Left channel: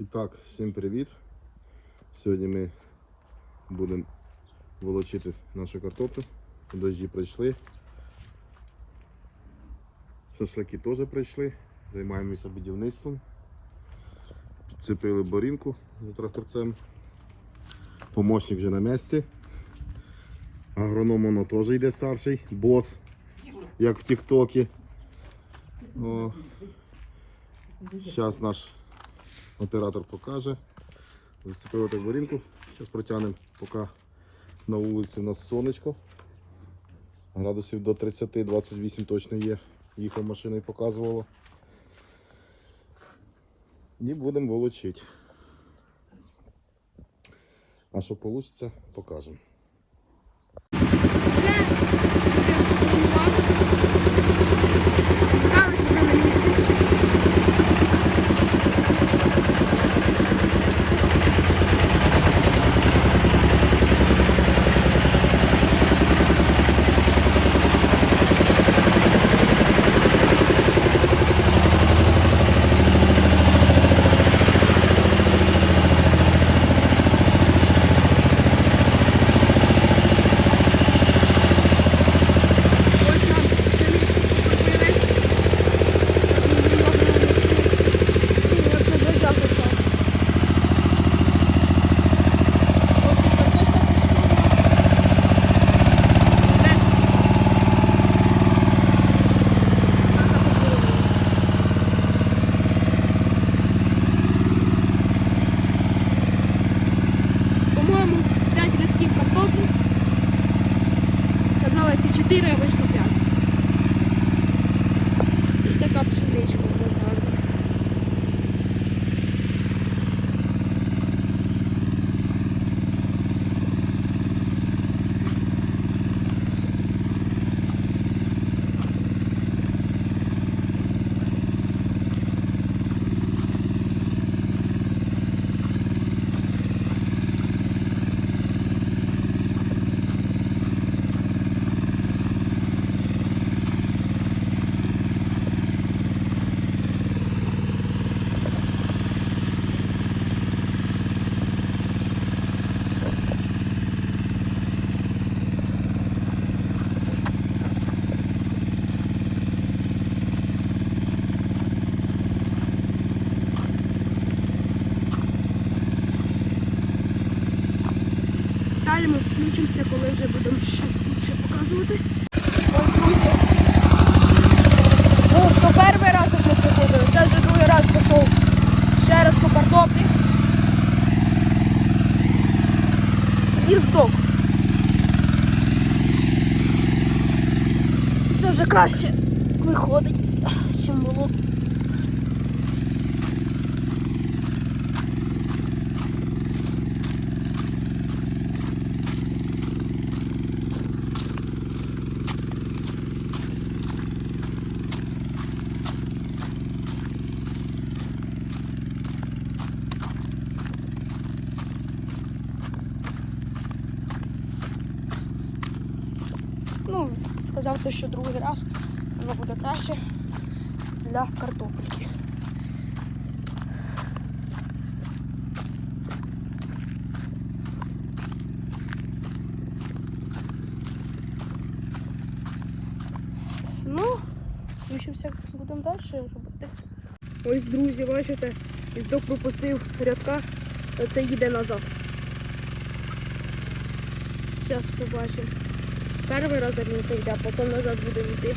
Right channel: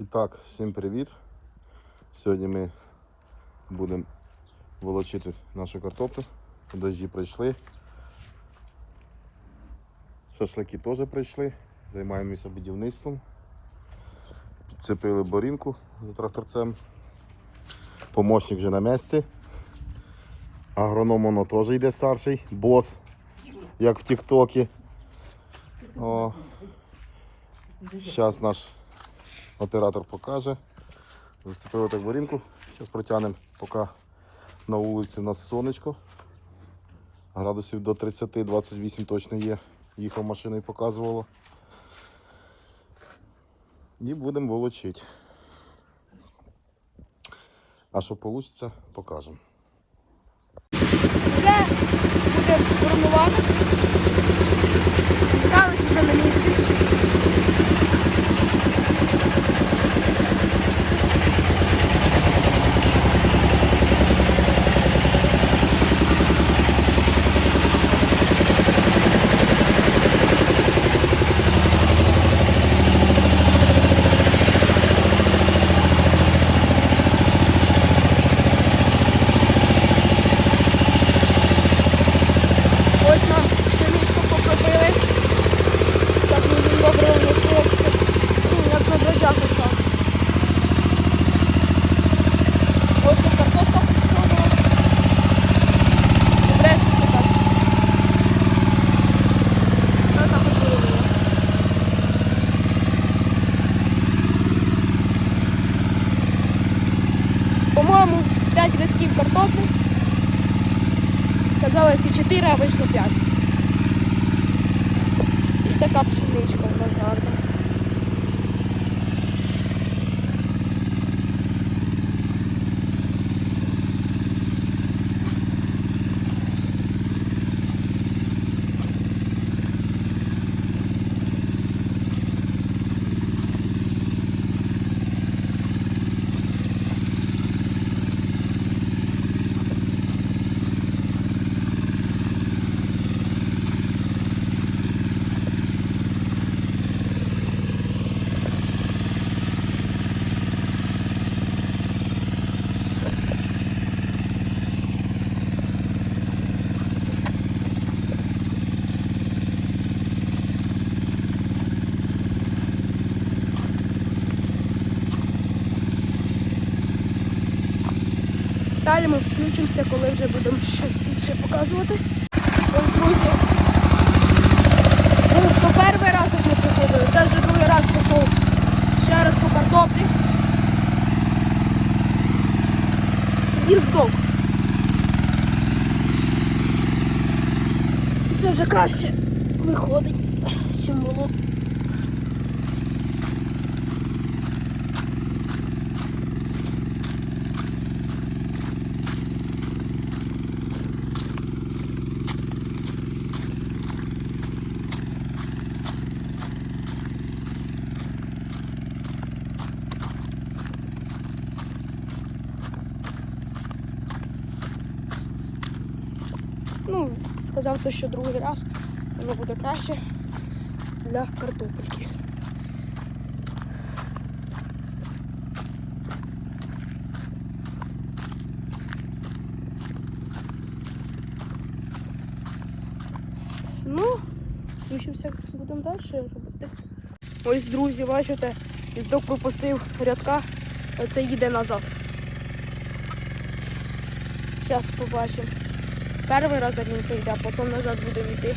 І так, всім привіт. Сьогодні ми будемо волочити нашу картоплю. Дожді прийшли. Шашлики теж прийшли. Займаємося будівництвом. Підцепили борінку за тракторцем. Помощник вже на місці. Агроном воно теж йде старший, бос, як в Тіктокі. Зараз наш оператор покаже. Зацепили так варінку. Зараз протягнемо, поки на вулиці у нас сонечко. Градусів до 30-28 точно є. Їхав машиною показувало. І будемо волочити. А що вийде, покажемо. Вже буде формувати. Границя на місці. Ось нам пшеничку покропили. Так ми їм добре внесли. Як виглядає пішла. Ось і картошка пішла. Добре, так. Що там було? По-моєму, 5 рядків картоплі. Казалось і 4, а вийшло 5. І така пшеничка у нас гарна. Далі ми включимося, коли вже будемо щось інше показувати. Ось, друзі. Ну, то перший раз, як ми приходили, це вже другий раз пішов ще раз по картоплі. Їздок. Це вже краще виходить, ніж було. Ну, сказав, то, що другий раз воно буде краще для картопельки. Ну, включимося, будемо далі робити. Ось, друзі, бачите, іздок пропустив рядка, оце їде назад. Зараз побачимо. Перший раз він прийде, а потім назад буде йти,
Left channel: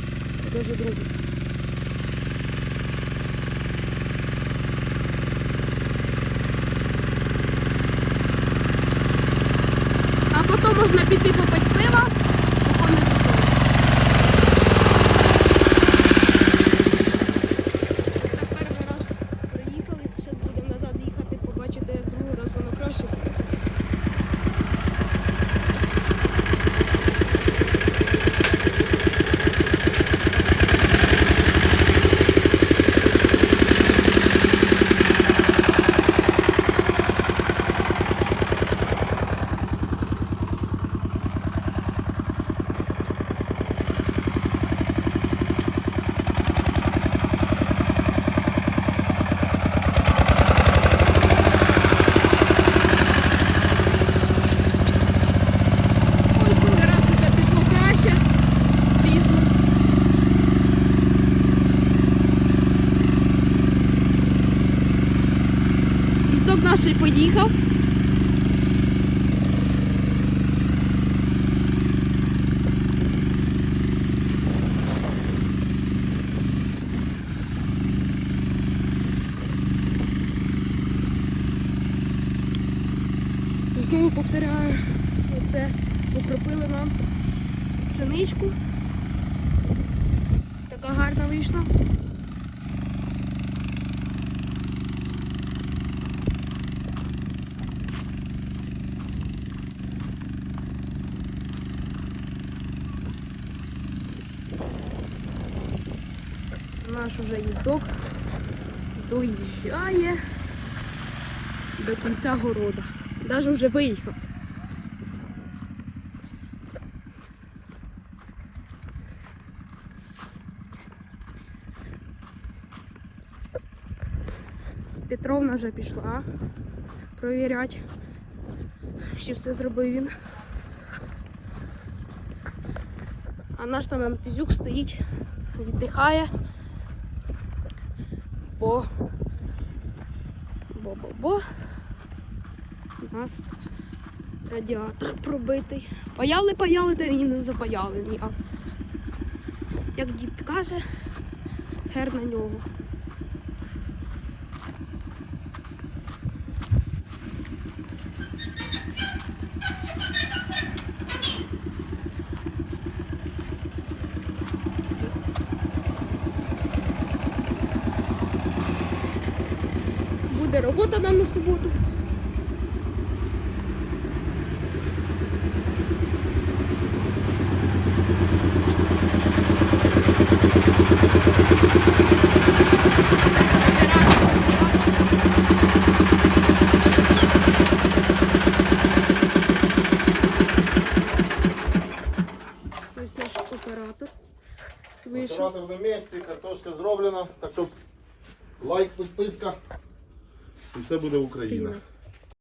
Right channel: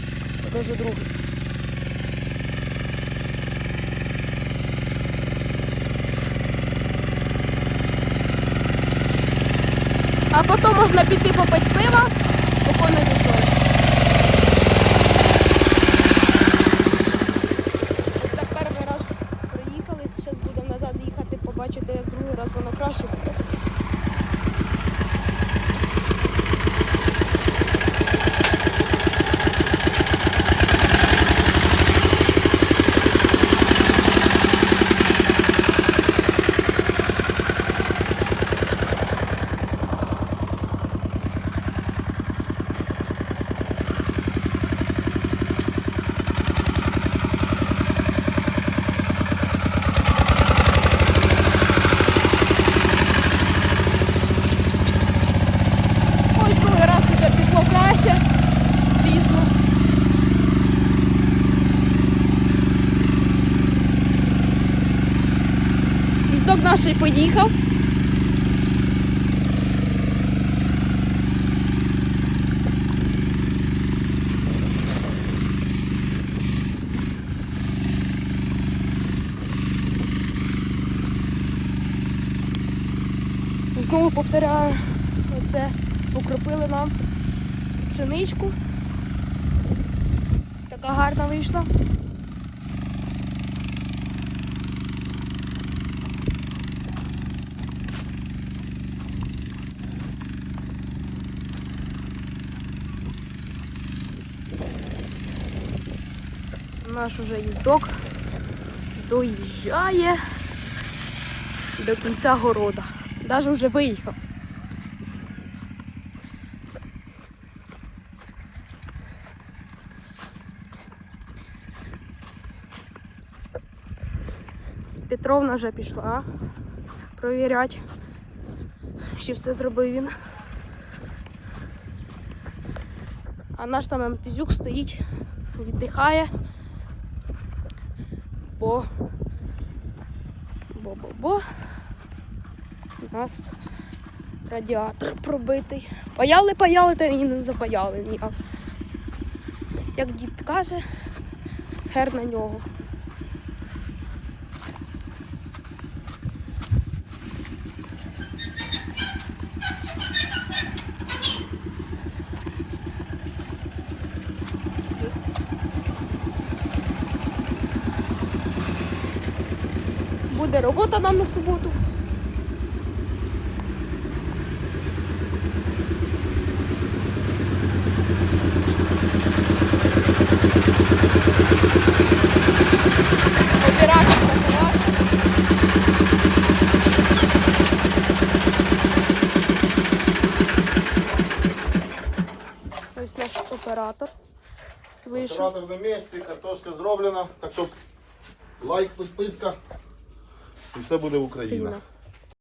вже другий. А потім можна піти попити пива, спокійно пішов. Ось так перший раз приїхали, зараз будемо назад їхати, побачите, як другий раз воно краще буде. Наш поїхав. Знову повторяю, оце покропили нам пшеничку. Така гарна вийшла. Наш уже їздок доїжджає до кінця города. Даже вже виїхав. Петровна вже пішла провіряти, чи все зробив він. А наш там МТЗюк стоїть, віддихає. Бо бо-бо-бо. У нас радіатор пробитий. Паяли, паяли, та і не запаяли ніяк. Як дід каже, хер на нього. Буде робота нам на суботу. Оператор. Вийшов. Оператор на місці, картошка зроблена, так що лайк, підписка і все буде Україна. Україна.